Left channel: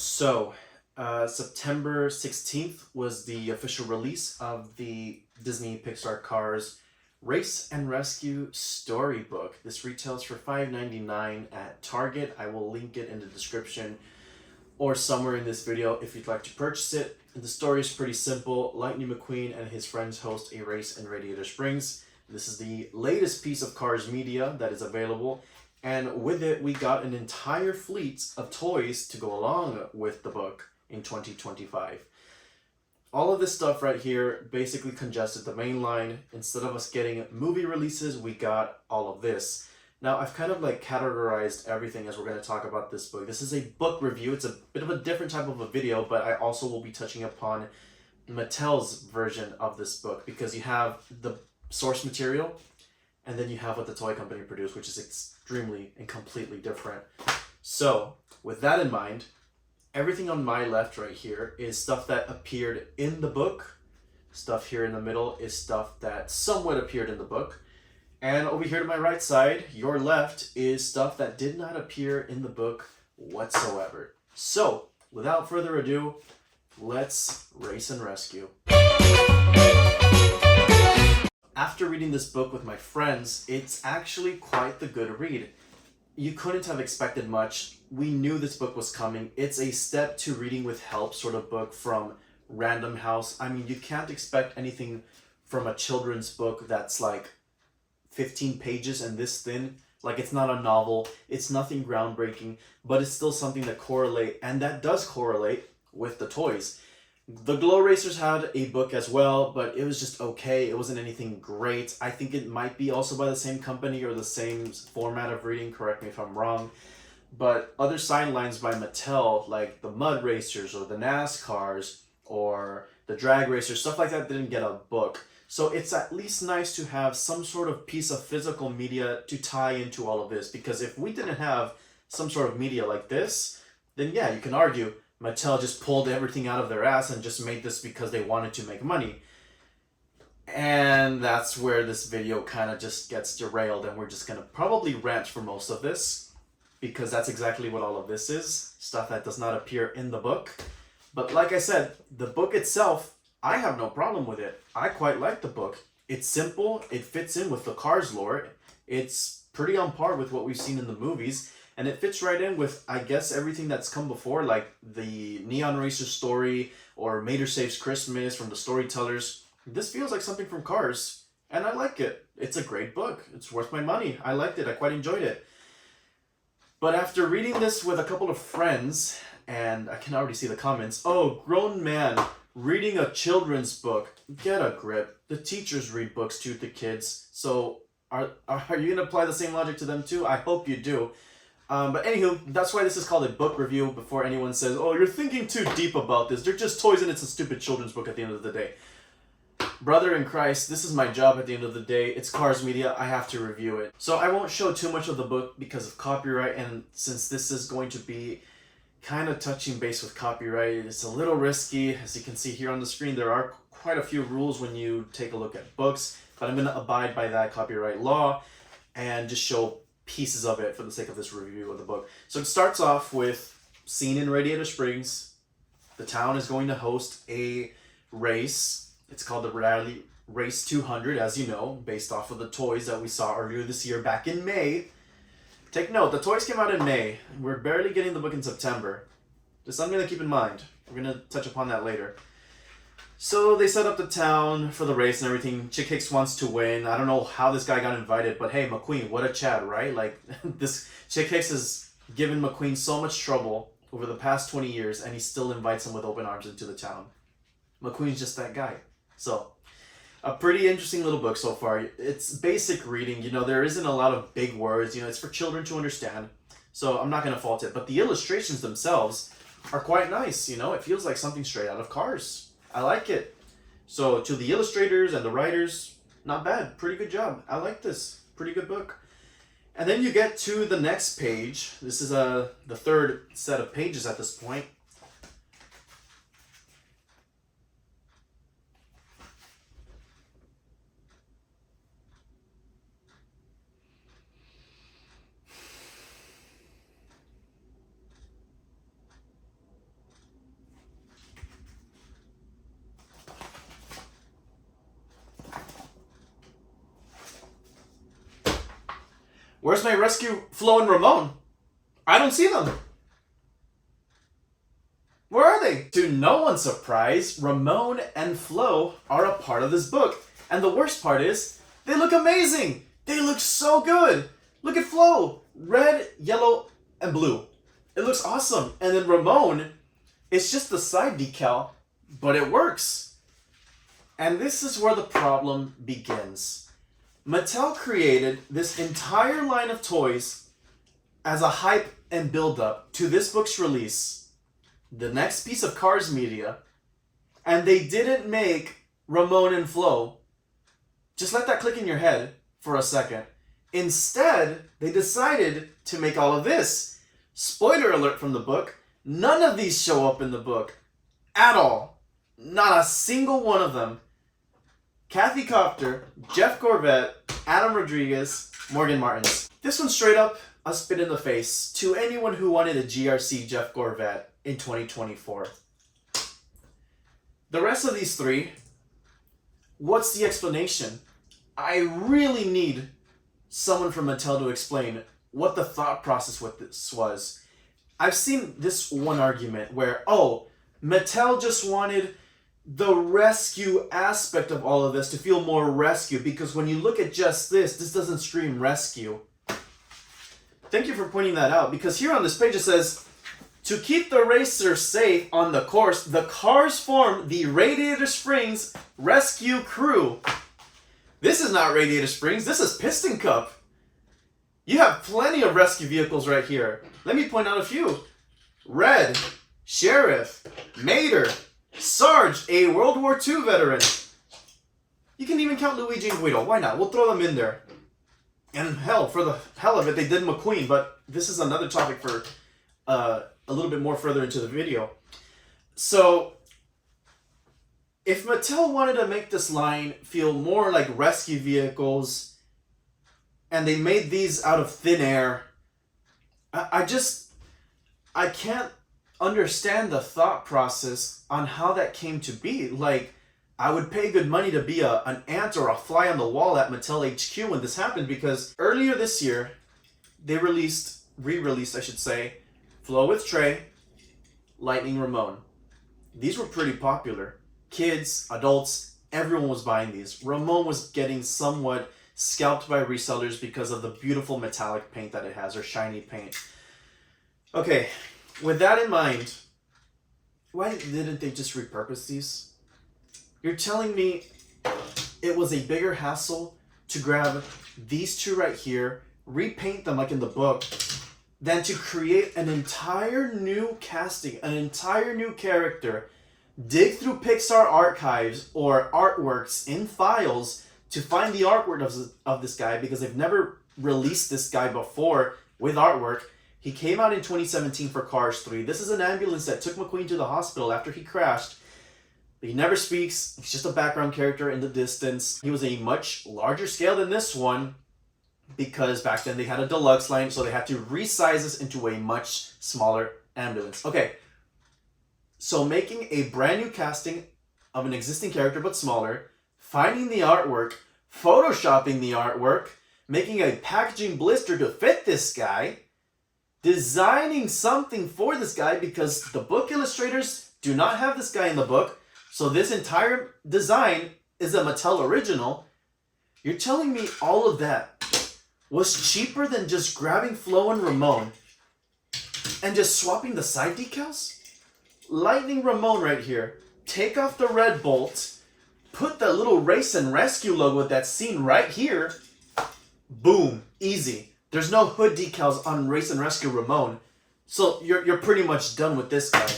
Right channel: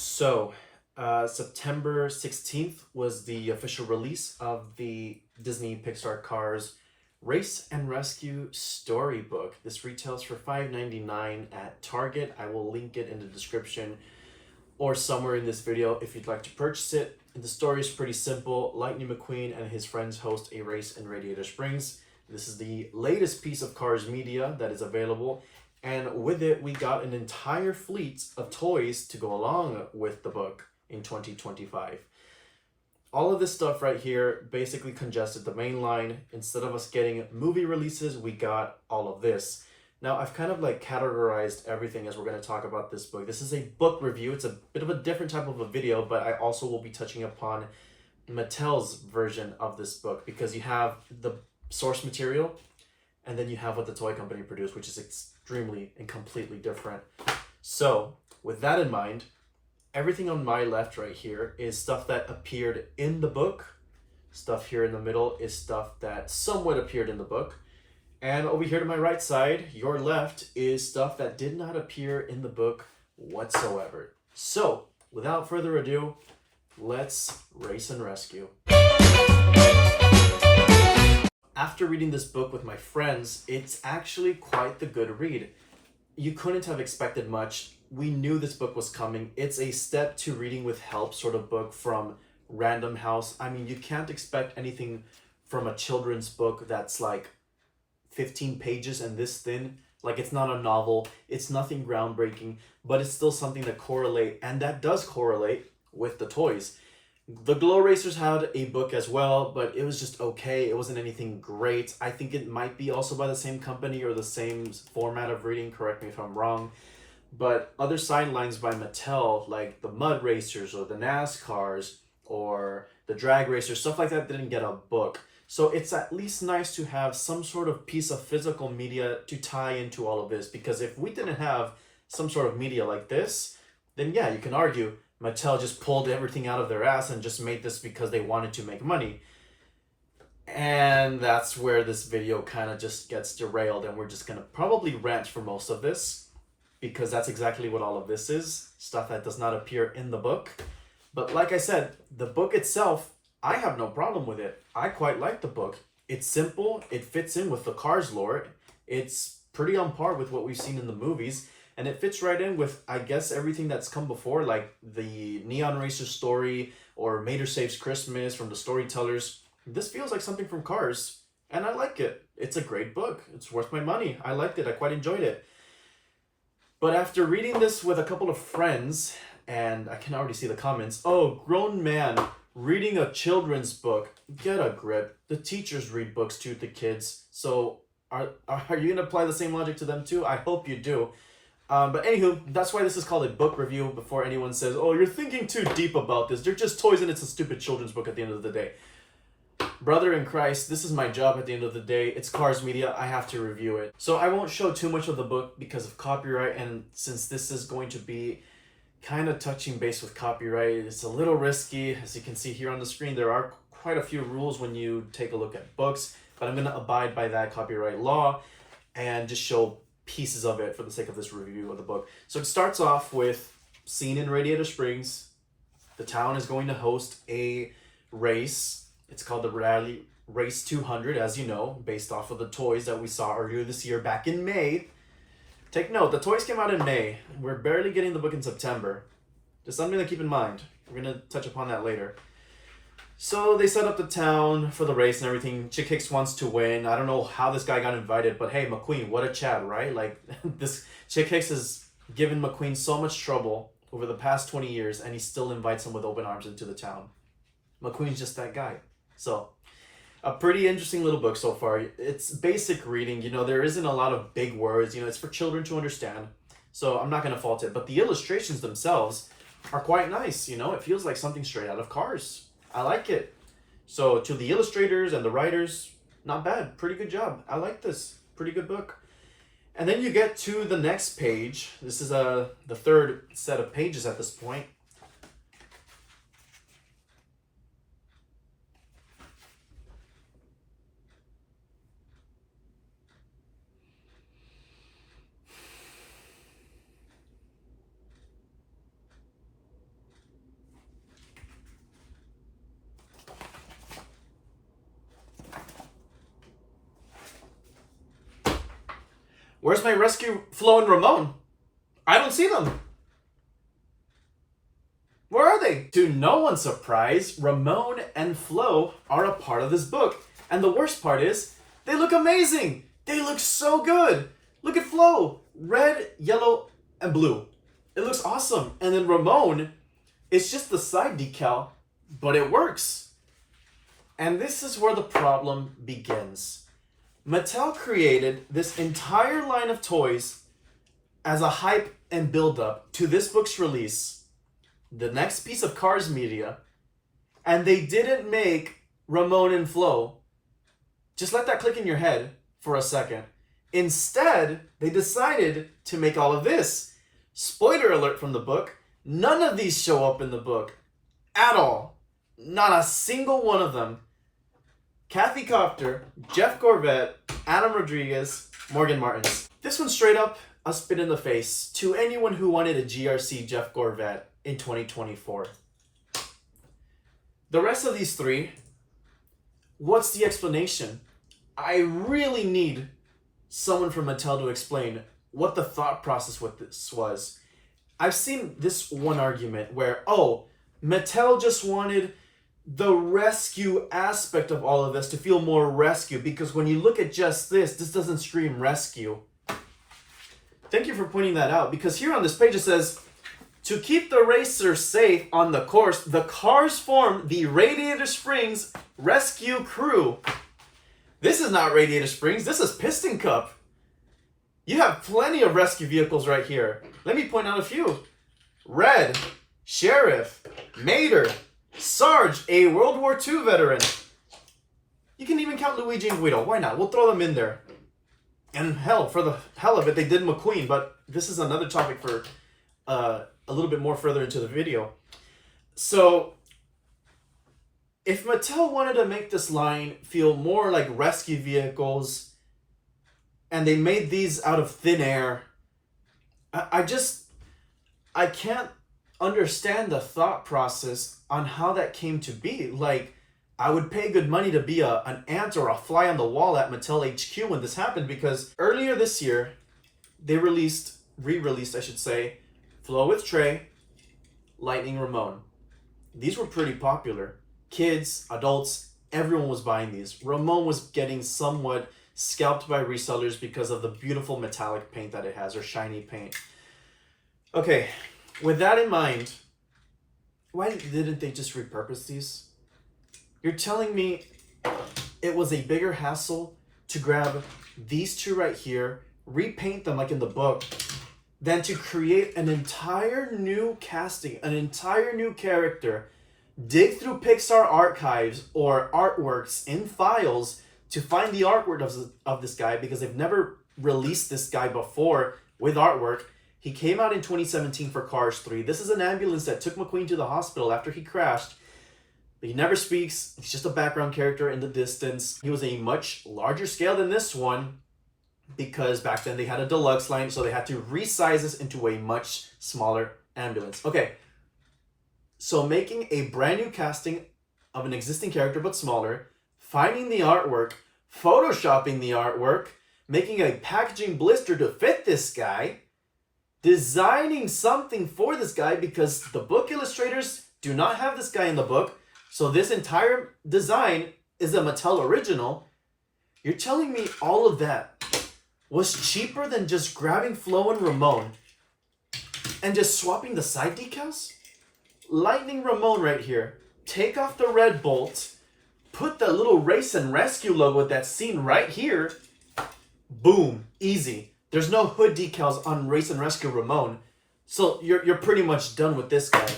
September 16th was the official release of the Disney Pixar Cars Race and Rescue Storybook. This retails for $5.99 at Target. I will link it in the description or somewhere in this video if you'd like to purchase it. The story is pretty simple. Lightning McQueen and his friends host a race in Radiator Springs. This is the latest piece of Cars media that is available, and with it we got an entire fleet of toys to go along with the book in 2025. All of this stuff right here basically congested the main line. Instead of us getting movie releases, we got all of this. Now, I've kind of like categorized everything as we're going to talk about this book. This is a book review. It's a bit of a different type of a video, but I also will be touching upon Mattel's version of this book, because you have the source material and then you have what the toy company produced, which is extremely and completely different. So with that in mind, everything on my left right here is stuff that appeared in the book. Stuff here in the middle is stuff that somewhat appeared in the book. And over here to my right side, your left, is stuff that did not appear in the book whatsoever. So without further ado, let's race and rescue. After reading this book with my friends, it's actually quite the good read. You couldn't have expected much. We knew this book was coming. It's a step to reading with help sort of book from Random House. I mean, you can't expect anything from a children's book that's like 15 pages and this thin. Like, it's not a novel. It's nothing groundbreaking, but it's still something that correlate, and that does correlate with the toys. The Glow Racers had a book as well, but it was just okay. It wasn't anything great. I think it might be also by the same company or the same format of reading. Correct me if I'm wrong. But other sidelines by Mattel, like the Mud Racers or the NASCARs or the Drag Racers, stuff like that, didn't get a book. So it's at least nice to have some sort of piece of physical media to tie into all of this. Because if we didn't have some sort of media like this, then yeah, you can argue Mattel just pulled everything out of their ass and just made this because they wanted to make money. And that's where this video kind of just gets derailed, and we're just going to probably rant for most of this, because that's exactly what all of this is. Stuff that does not appear in the book. But like I said, the book itself, I have no problem with it. I quite like the book. It's simple. It fits in with the Cars lore. It's pretty on par with what we've seen in the movies. And it fits right in with, I guess, everything that's come before, like the Neon Racer story or Mater Saves Christmas from the Storytellers. This feels like something from Cars, and I like it. It's a great book. It's worth my money. I liked it. I quite enjoyed it. But after reading this with a couple of friends, and I can already see the comments, oh, grown man reading a children's book, get a grip. The teachers read books to the kids. So are you going to apply the same logic to them too? I hope you do. But anywho, that's why this is called a book review, before anyone says, oh, you're thinking too deep about this. They're just toys and it's a stupid children's book at the end of the day. Brother in Christ, this is my job at the end of the day. It's Cars Media. I have to review it. So I won't show too much of the book because of copyright, and since this is going to be kind of touching base with copyright, it's a little risky. As you can see here on the screen, there are quite a few rules when you take a look at books, but I'm going to abide by that copyright law and just show pieces of it for the sake of this review of the book. So it starts off with scene in Radiator Springs. The town is going to host a race. It's called the Rally Race 200, as you know, based off of the toys that we saw earlier this year back in May. Take note, the toys came out in May. We're barely getting the book in September. Just something to keep in mind. We're going to touch upon that later. So they set up the town for the race and everything. Chick Hicks wants to win. I don't know how this guy got invited, but hey, McQueen, what a Chad, right? Like, this Chick Hicks has given McQueen so much trouble over the past 20 years, and he still invites him with open arms into the town. McQueen's just that guy. So, a pretty interesting little book so far. It's basic reading. You know, there isn't a lot of big words. You know, it's for children to understand. So, I'm not going to fault it. But the illustrations themselves are quite nice. You know, it feels like something straight out of Cars. I like it. So to the illustrators and the writers, not bad. Pretty good job. I like this. Pretty good book. And then you get to the next page. This is the third set of pages at this point. Where's my rescue Flo and Ramon? I don't see them. Where are they? To no one's surprise, Ramon and Flo are a part of this book. And the worst part is, they look amazing. They look so good. Look at Flo. Red, yellow, and blue. It looks awesome. And then Ramon, it's just the side decal, but it works. And this is where the problem begins. Mattel created this entire line of toys as a hype and build-up to this book's release, the next piece of Cars media, and they didn't make Ramon and Flo. Just let that click in your head for a second. Instead, they decided to make all of this. Spoiler alert from the book, none of these show up in the book at all. Not a single one of them. Kathy Copter, Jeff Corvette, Adam Rodriguez, Morgan Martins. This one's straight up a spit in the face to anyone who wanted a GRC Jeff Corvette in 2024. The rest of these three, what's the explanation? I really need someone from Mattel to explain what the thought process with this was. I've seen this one argument where, oh, Mattel just wanted the rescue aspect of all of this to feel more rescue, because when you look at just this doesn't scream rescue. Thank you for pointing that out, because here on this page it says, to keep the racer safe on the course, the cars form the Radiator Springs Rescue Crew. This is not Radiator Springs, this is Piston Cup. You have plenty of rescue vehicles right here. Let me point out a few. Red, Sheriff, Mater, Sarge, a World War II veteran. You can even count Luigi and Guido. Why not? We'll throw them in there. And hell, for the hell of it, they did McQueen, but this is another topic for a little bit more further into the video. So, if Mattel wanted to make this line feel more like rescue vehicles, and they made these out of thin air, I can't understand the thought process on how that came to be. Like, I would pay good money to be an ant or a fly on the wall at Mattel HQ when this happened, because earlier this year, they re-released, I should say, Flo with Trey, Lightning Ramon. These were pretty popular. Kids, adults, everyone was buying these. Ramon was getting somewhat scalped by resellers because of the beautiful metallic paint that it has, or shiny paint. Okay, with that in mind, why didn't they just repurpose these? You're telling me it was a bigger hassle to grab these two right here, repaint them like in the book, than to create an entire new casting, an entire new character, dig through Pixar archives or artworks in files to find the artwork of this guy, because they've never released this guy before with artwork. He came out in 2017 for Cars 3. This is an ambulance that took McQueen to the hospital after he crashed. But he never speaks. He's just a background character in the distance. He was a much larger scale than this one, because back then they had a deluxe line, so they had to resize this into a much smaller ambulance. Okay, so making a brand new casting of an existing character but smaller, finding the artwork, photoshopping the artwork, making a packaging blister to fit this guy, designing something for this guy, because the book illustrators do not have this guy in the book, so this entire design is a Mattel original. You're telling me all of that was cheaper than just grabbing Flo and Ramon and just swapping the side decals? Lightning Ramon right here. Take off the red bolt, put the little Race and Rescue logo that's seen right here. Boom, easy. There's no hood decals on Race and Rescue Ramon, so you're pretty much done with this guy.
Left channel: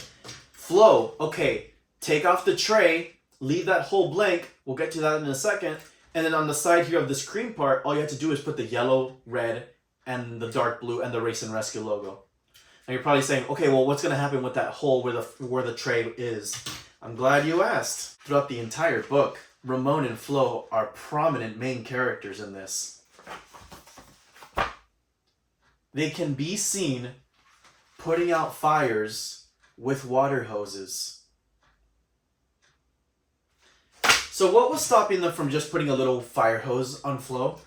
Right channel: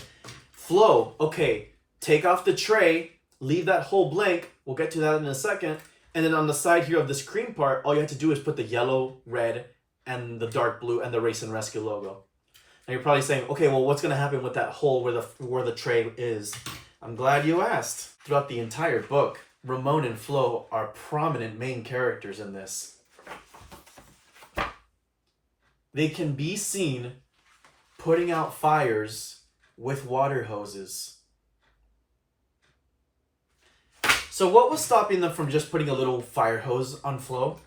Flo, okay, take off the tray, leave that hole blank. We'll get to that in a second. And then on the side here of this cream part, all you have to do is put the yellow, red, and the dark blue and the Race and Rescue logo. Now you're probably saying, okay, well, what's going to happen with that hole where the tray is? I'm glad you asked. Throughout the entire book, Ramon and Flo are prominent main characters in this. They can be seen putting out fires with water hoses. So what was stopping them from just putting a little fire hose on Flo?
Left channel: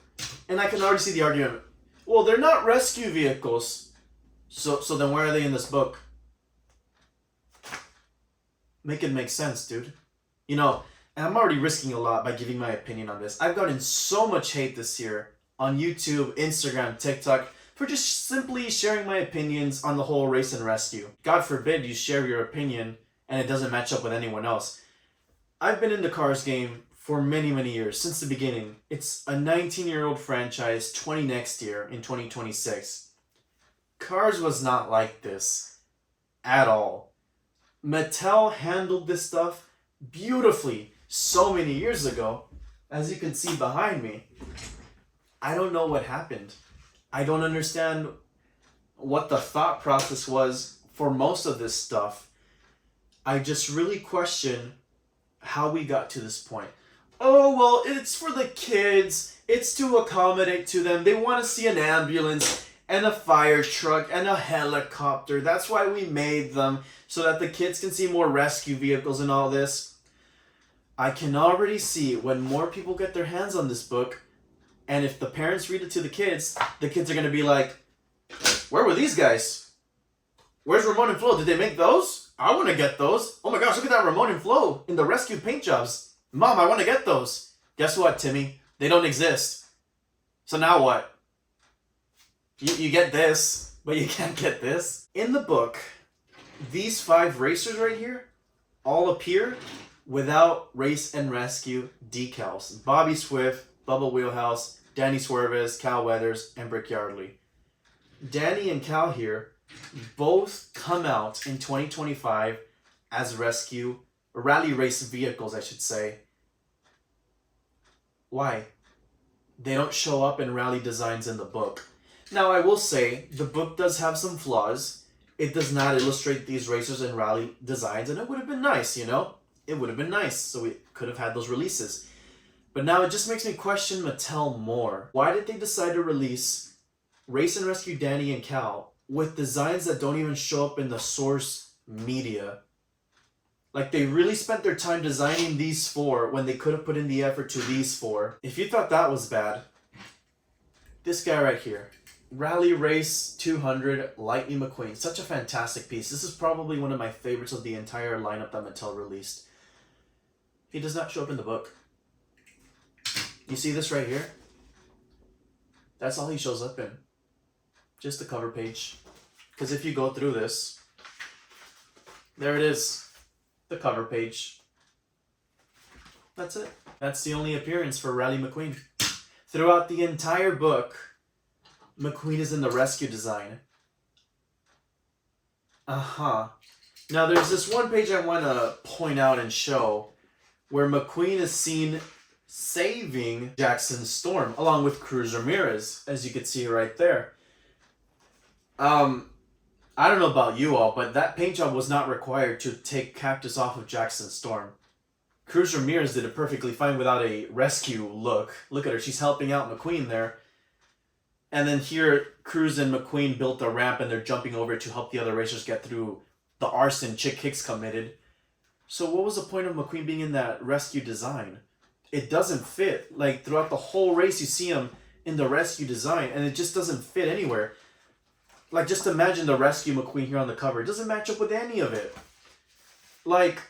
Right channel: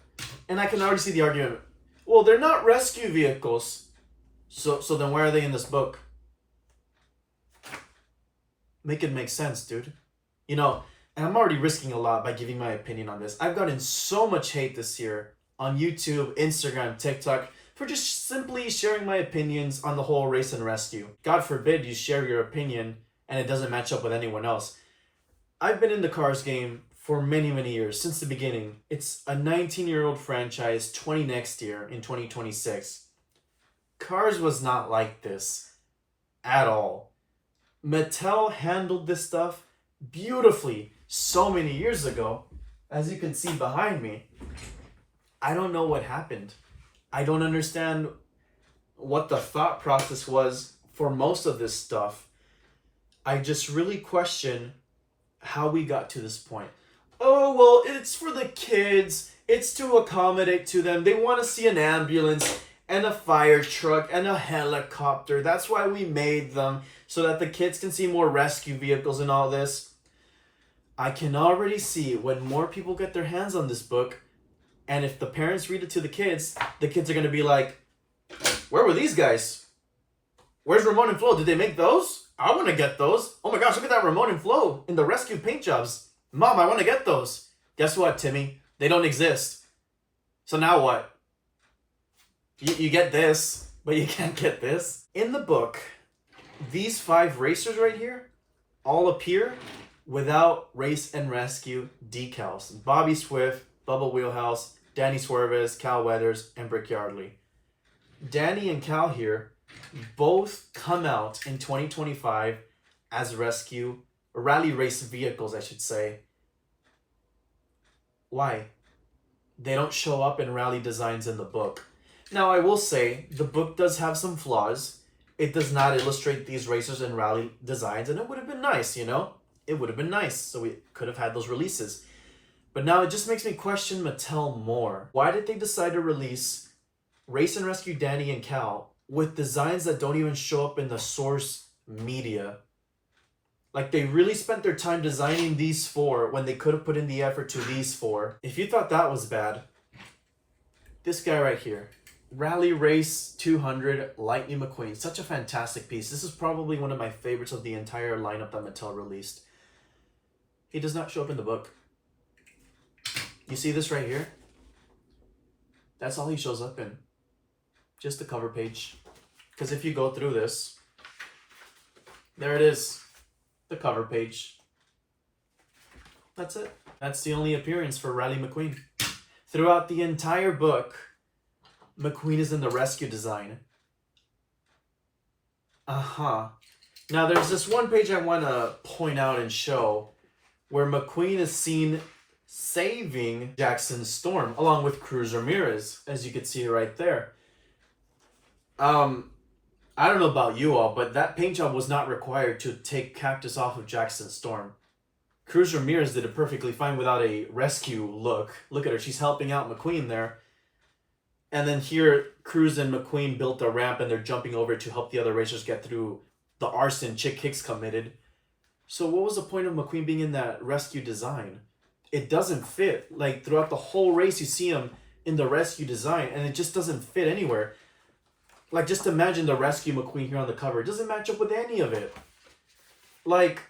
And I can already see the argument. Well, they're not rescue vehicles. So then why are they in this book? Make it make sense, dude. You know, and I'm already risking a lot by giving my opinion on this. I've gotten so much hate this year on YouTube, Instagram, TikTok for just simply sharing my opinions on the whole race and rescue. God forbid you share your opinion and it doesn't match up with anyone else. I've been in the Cars game for many, many years, since the beginning. It's a 19-year-old franchise, 20 next year in 2026. Cars was not like this at all. Mattel handled this stuff beautifully so many years ago. As you can see behind me, I don't know what happened. I don't understand what the thought process was for most of this stuff. I just really question how we got to this point. Oh, well, it's for the kids. It's to accommodate to them. They want to see an ambulance and a fire truck and a helicopter. That's why we made them, so that the kids can see more rescue vehicles and all this. I can already see when more people get their hands on this book, and if the parents read it to the kids are going to be like, where were these guys? Where's Ramon and Flo? Did they make those? I want to get those. Oh my gosh, look at that Ramon and Flo in the rescue paint jobs. Mom, I want to get those. Guess what, Timmy? They don't exist. So now what? You get this, but you can't get this. In the book, these 5 racers right here all appear without race and rescue decals. Bobby Swift, Bubba Wheelhouse, Danny Swerves, Cal Weathers, and Brick Yardley. Danny and Cal here both come out in 2025 as rally race vehicles, I should say. Why? They don't show up in rally designs in the book. Now, I will say, the book does have some flaws. It does not illustrate these racers in rally designs, and it would have been nice, you know? It would have been nice, so we could have had those releases. But now it just makes me question Mattel more. Why did they decide to release Race and Rescue Danny and Cal with designs that don't even show up in the source media? Like, they really spent their time designing these 4 when they could have put in the effort to these 4. If you thought that was bad, this guy right here, Rally Race 200 Lightning McQueen. Such a fantastic piece. This is probably one of my favorites of the entire lineup that Mattel released. He does not show up in the book. You see this right here? That's all he shows up in. Just the cover page. Because if you go through this, there it is. The cover page. That's it. That's the only appearance for Rally McQueen. Throughout the entire book, McQueen is in the rescue design. Now, there's this one page I want to point out and show where McQueen is seen saving Jackson Storm along with Cruz Ramirez, as you can see right there. I don't know about you all, but that paint job was not required to take Cactus off of Jackson Storm. Cruz Ramirez did it perfectly fine without a rescue look. Look at her, she's helping out McQueen there. And then here, Cruz and McQueen built a ramp and they're jumping over to help the other racers get through the arson Chick Hicks committed. So what was the point of McQueen being in that rescue design? It doesn't fit. Like, throughout the whole race, you see him in the rescue design and it just doesn't fit anywhere. Like, just imagine the rescue McQueen here on the cover. It doesn't match up with any of it. Like,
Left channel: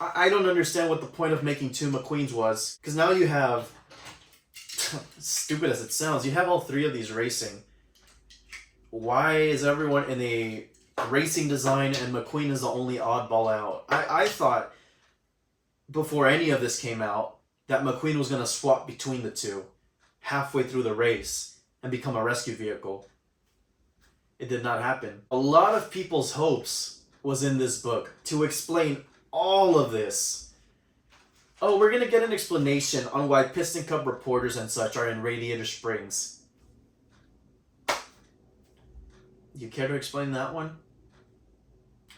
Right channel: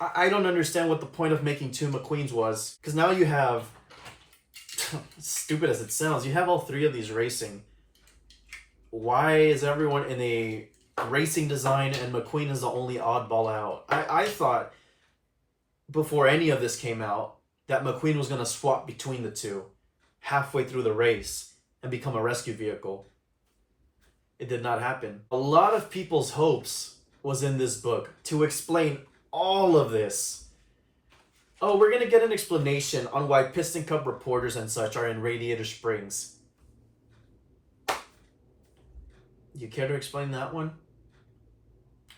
I don't understand what the point of making 2 McQueens was. Because now you have, stupid as it sounds, you have all 3 of these racing. Why is everyone in a racing design and McQueen is the only oddball out? I thought, before any of this came out, that McQueen was going to swap between the 2 halfway through the race and become a rescue vehicle. It did not happen. A lot of people's hopes was in this book to explain all of this. Oh, we're going to get an explanation on why Piston Cup reporters and such are in Radiator Springs. You care to explain that one?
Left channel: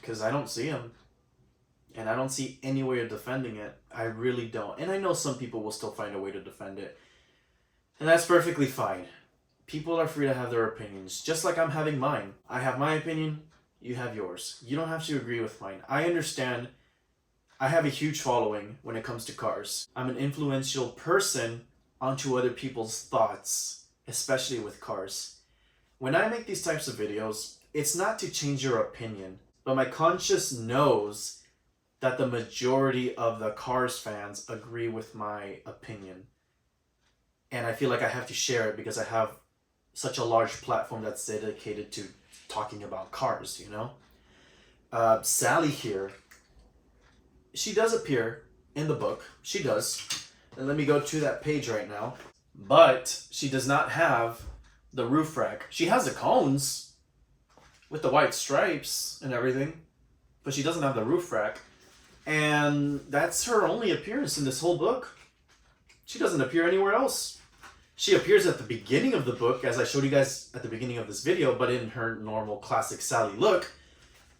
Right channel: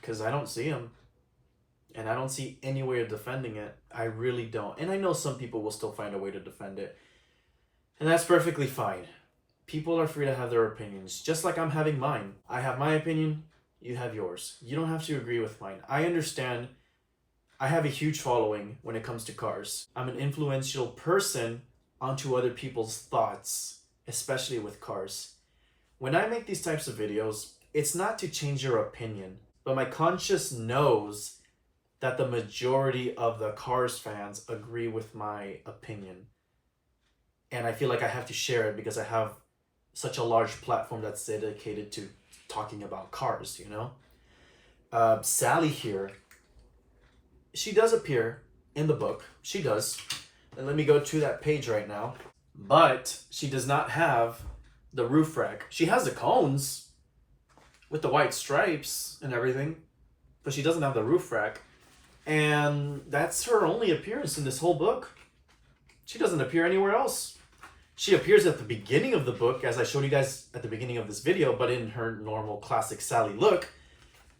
Because I don't see them. And I don't see any way of defending it. I really don't. And I know some people will still find a way to defend it. And that's perfectly fine. People are free to have their opinions, just like I'm having mine. I have my opinion, you have yours. You don't have to agree with mine. I understand. I have a huge following when it comes to cars. I'm an influential person onto other people's thoughts. especially with cars. When I make these types of videos, it's not to change your opinion, but my conscience knows that the majority of the Cars fans agree with my opinion. And I feel like I have to share it because I have such a large platform that's dedicated to talking about cars, you know? Sally here, she does appear in the book. She does. And let me go to that page right now. But she does not have the roof rack. She has the cones with the white stripes and everything, but she doesn't have the roof rack. And that's her only appearance in this whole book. She doesn't appear anywhere else. She appears at the beginning of the book, as I showed you guys at the beginning of this video, but in her normal classic Sally look.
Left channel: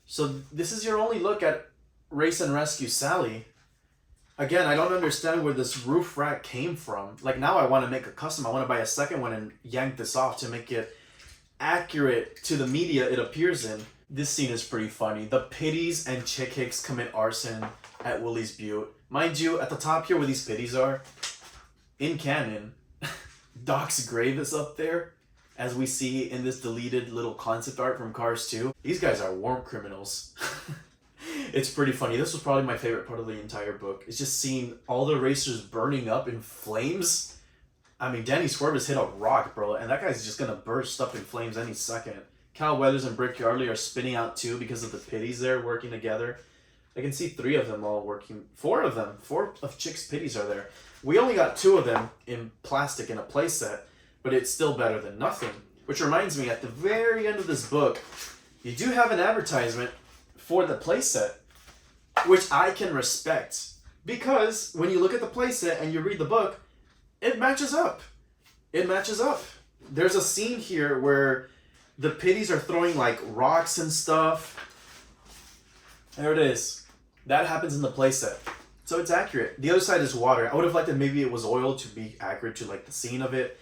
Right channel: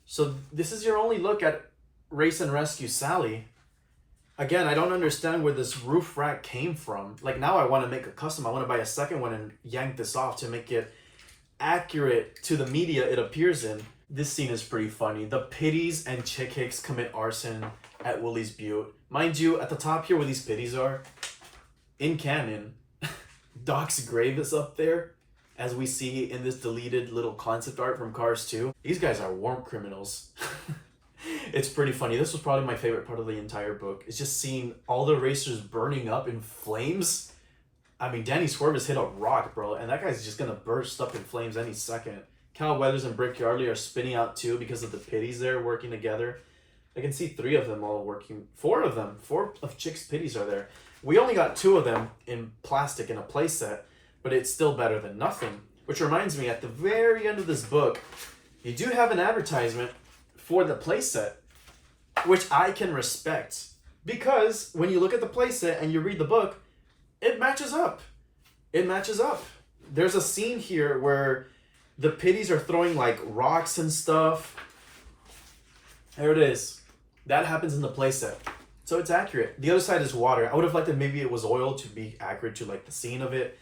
So this is your only look at Race and Rescue Sally. Again, I don't understand where this roof rack came from. Like, now I want to make a custom. I want to buy a second one and yank this off to make it accurate to the media it appears in. This scene is pretty funny. The Pitties and Chick Hicks commit arson at Willie's Butte. Mind you, at the top here where these Pitties are, in canon, Doc's grave is up there, as we see in this deleted little concept art from Cars 2. These guys are war criminals. It's pretty funny. This was probably my favorite part of the entire book. It's just seeing all the racers burning up in flames. I mean, Danny Swerve hit a rock, bro, and that guy's just gonna burst up in flames any second. Cal Weathers and Brick Yardley are spinning out too because of the Pitties there working together. I can see 3 of them all working. 4 of them. 4 of Chick's Pitties are there. We only got 2 of them in plastic in a playset, but it's still better than nothing. Which reminds me, at the very end of this book, you do have an advertisement for the playset, which I can respect. Because when you look at the playset and you read the book, it matches up. It matches up. There's a scene here where the Pitties are throwing like rocks and stuff. There it is. That happens in the playset. So it's accurate. The other side is water. I would have liked that maybe it was oil to be accurate to like the scene of it.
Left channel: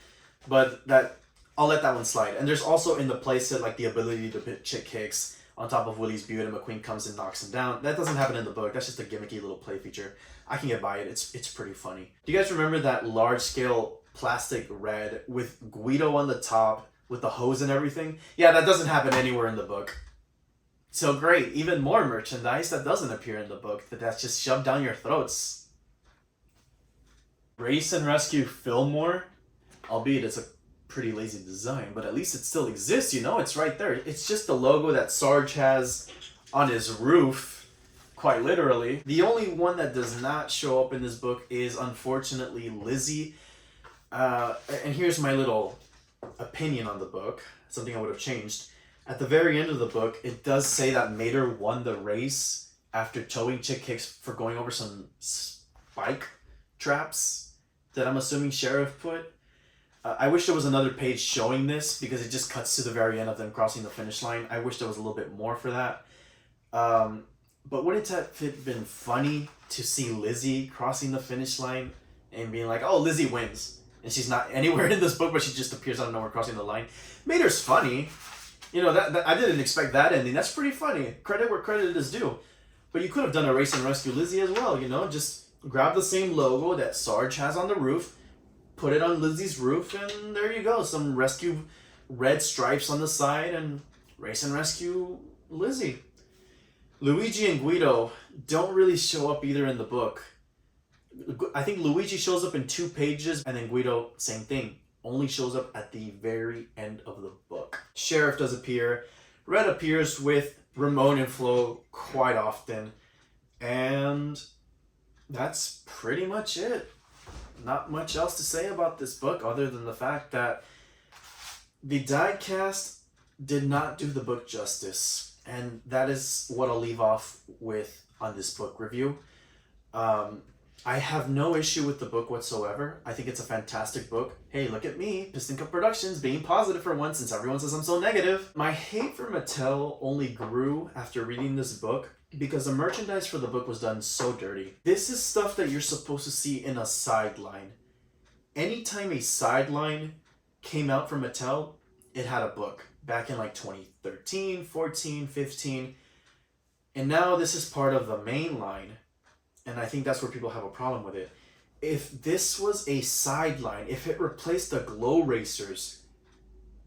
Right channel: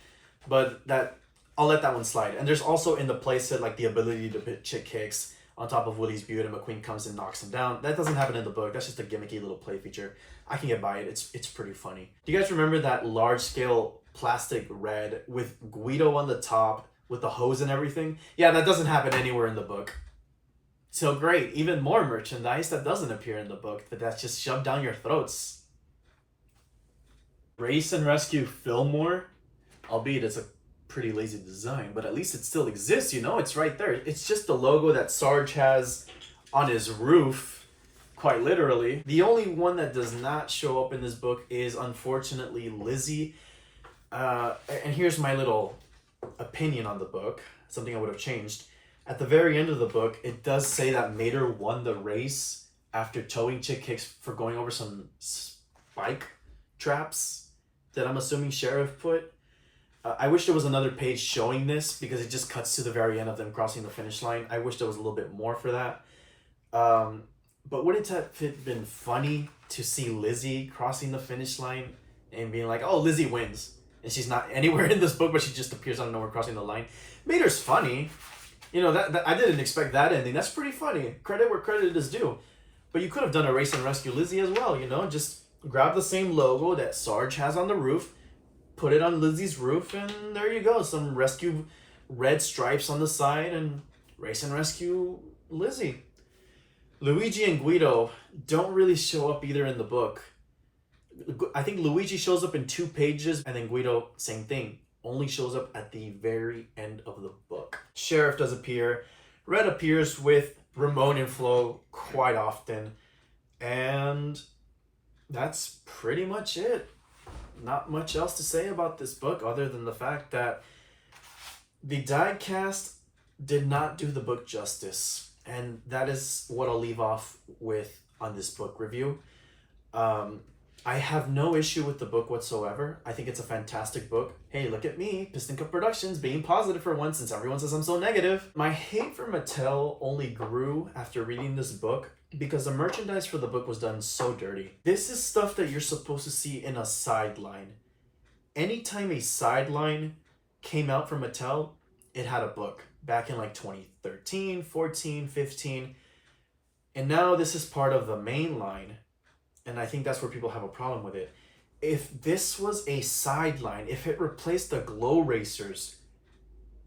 But that, I'll let that one slide. And there's also in the playset like the ability to put Chick Hicks on top of Willie's Butte and McQueen comes and knocks him down. That doesn't happen in the book. That's just a gimmicky little play feature. I can get by it. It's pretty funny. Do you guys remember that large scale plastic red with Guido on the top with the hose and everything? Yeah, that doesn't happen anywhere in the book. So great. Even more merchandise that doesn't appear in the book, that's just shoved down your throats. Race and Rescue Fillmore, albeit it's a pretty lazy design, but at least it still exists, you know, it's right there. It's just the logo that Sarge has on his roof, quite literally. The only one that does not show up in this book is unfortunately Lizzie. And here's my little opinion on the book, something I would have changed. At the very end of the book, it does say that Mater won the race after towing Chick Hicks for going over some spike traps that I'm assuming Sheriff put. I wish there was another page showing this because it just cuts to the very end of them crossing the finish line. I wish there was a little bit more for that. But wouldn't it have been funny to see Lizzie crossing the finish line and being like, oh, Lizzie wins. And she's not anywhere in this book, but she just appears out of nowhere crossing the line. Mater's funny. You know, that I didn't expect that ending. That's pretty funny. Credit where credit is due. But you could have done a Race and Rescue Lizzie as well, you know? Just grab the same logo that Sarge has on the roof, put it on Lizzie's roof, and there you go. Some rescue red stripes on the side and Race and Rescue Lizzie. Luigi and Guido don't really show up either in the book. I think Luigi shows up in 2 pages, and then Guido, same thing, only shows up at the very end of the book. Sheriff does appear. Red appears with Ramon and Flo quite often. And that's pretty much it. Not much else to say about this book other than the fact that the diecast did not do the book justice. And that is what I'll leave off with on this book review. I have no issue with the book whatsoever. I think it's a fantastic book. Hey, look at me, Piston Cup Productions, being positive for once since everyone says I'm so negative. My hate for Mattel only grew after reading this book because the merchandise for the book was done so dirty. This is stuff that you're supposed to see in a sideline. Anytime a sideline came out from Mattel, it had a book back in like 2013, 14, 15. And now this is part of the main line. And I think that's where people have a problem with it. If this was a sideline, if it replaced the glow racers,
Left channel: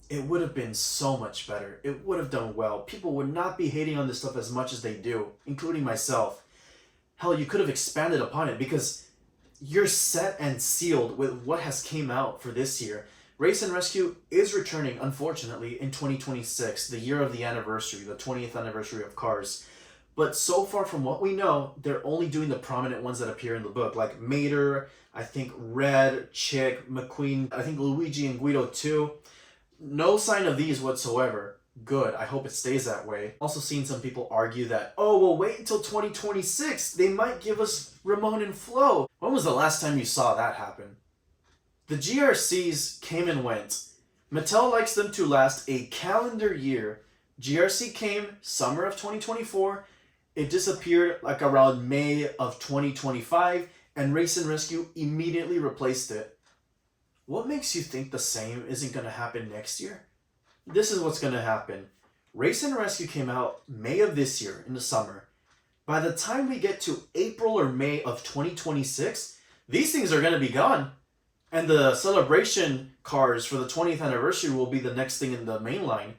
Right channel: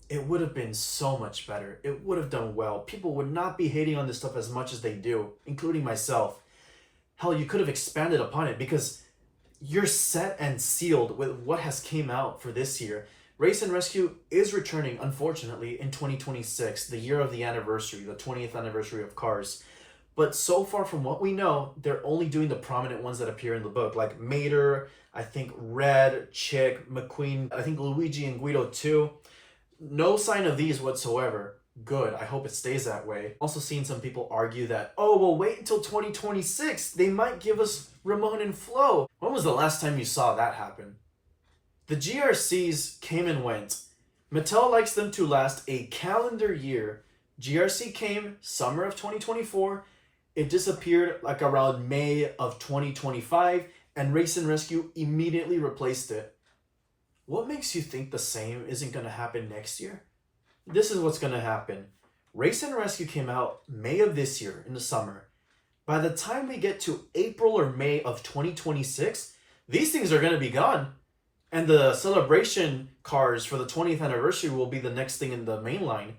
it would have been so much better. It would have done well. People would not be hating on this stuff as much as they do, including myself. Hell, you could have expanded upon it because you're set and sealed with what has came out for this year. Race and Rescue is returning, unfortunately, in 2026, the year of the anniversary, the 20th anniversary of Cars. But so far from what we know, they're only doing the prominent ones that appear in the book, like Mater, I think Red, Chick, McQueen, I think Luigi and Guido too. No sign of these whatsoever. Good. I hope it stays that way. Also seen some people argue that, oh, well, wait until 2026. They might give us Ramon and Flo. When was the last time you saw that happen? The GRCs came and went. Mattel likes them to last a calendar year. GRC came summer of 2024. It disappeared like around May of 2025, and Race and Rescue immediately replaced it. What makes you think the same isn't going to happen next year? This is what's going to happen. Race and Rescue came out May of this year in the summer. By the time we get to April or May of 2026, these things are going to be gone. And the celebration cars for the 20th anniversary will be the next thing in the main line.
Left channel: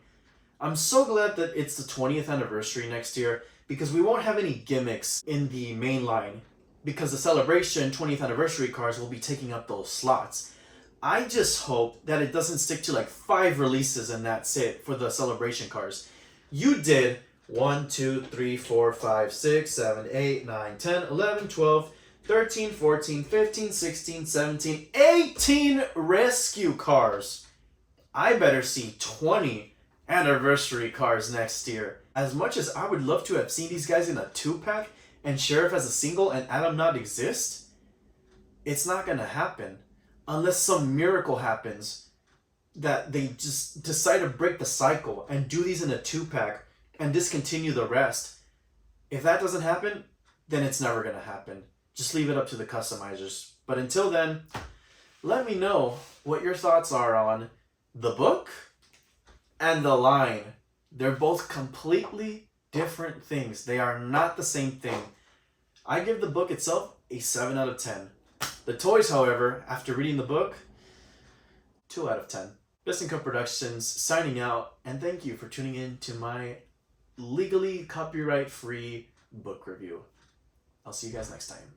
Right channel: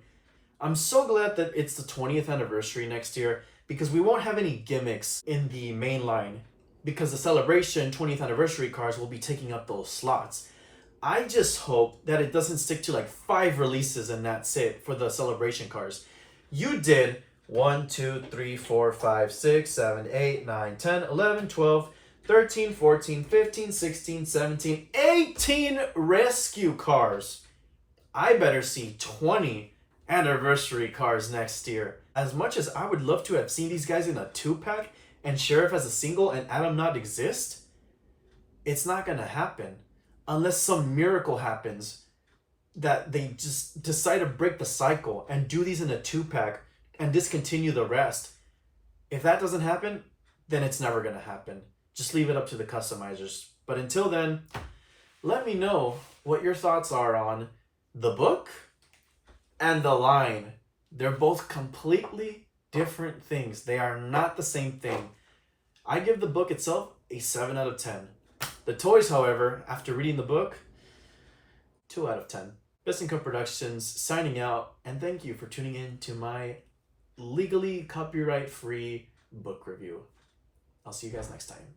I'm so glad that it's the 20th anniversary next year because we won't have any gimmicks in the main line because the celebration 20th anniversary cars will be taking up those slots. I just hope that it doesn't stick to like 5 releases and that's it for the celebration cars. You did 1, 2, 3, 4, 5, 6, 7, 8, 9, 10, 11, 12, 13, 14, 15, 16, 17, 18 rescue cars. I better see 20 anniversary cars next year. As much as I would love to have seen these guys in a 2-pack and Sheriff as a single and Adam not exist, it's not gonna happen. Unless some miracle happens that they just decide to break the cycle and do these in a 2-pack and discontinue the rest. If that doesn't happen, then it's never going to happen. Just leave it up to the customizers. But until then, let me know what your thoughts are on the book and the line. They're both completely different things. They are not the same thing. I give the book itself a 7 out of 10. The toys, however, after reading the book, 2 out of 10. Piston Cup Productions signing out, and thank you for tuning in to my legally copyright-free book review. I'll see you guys next time.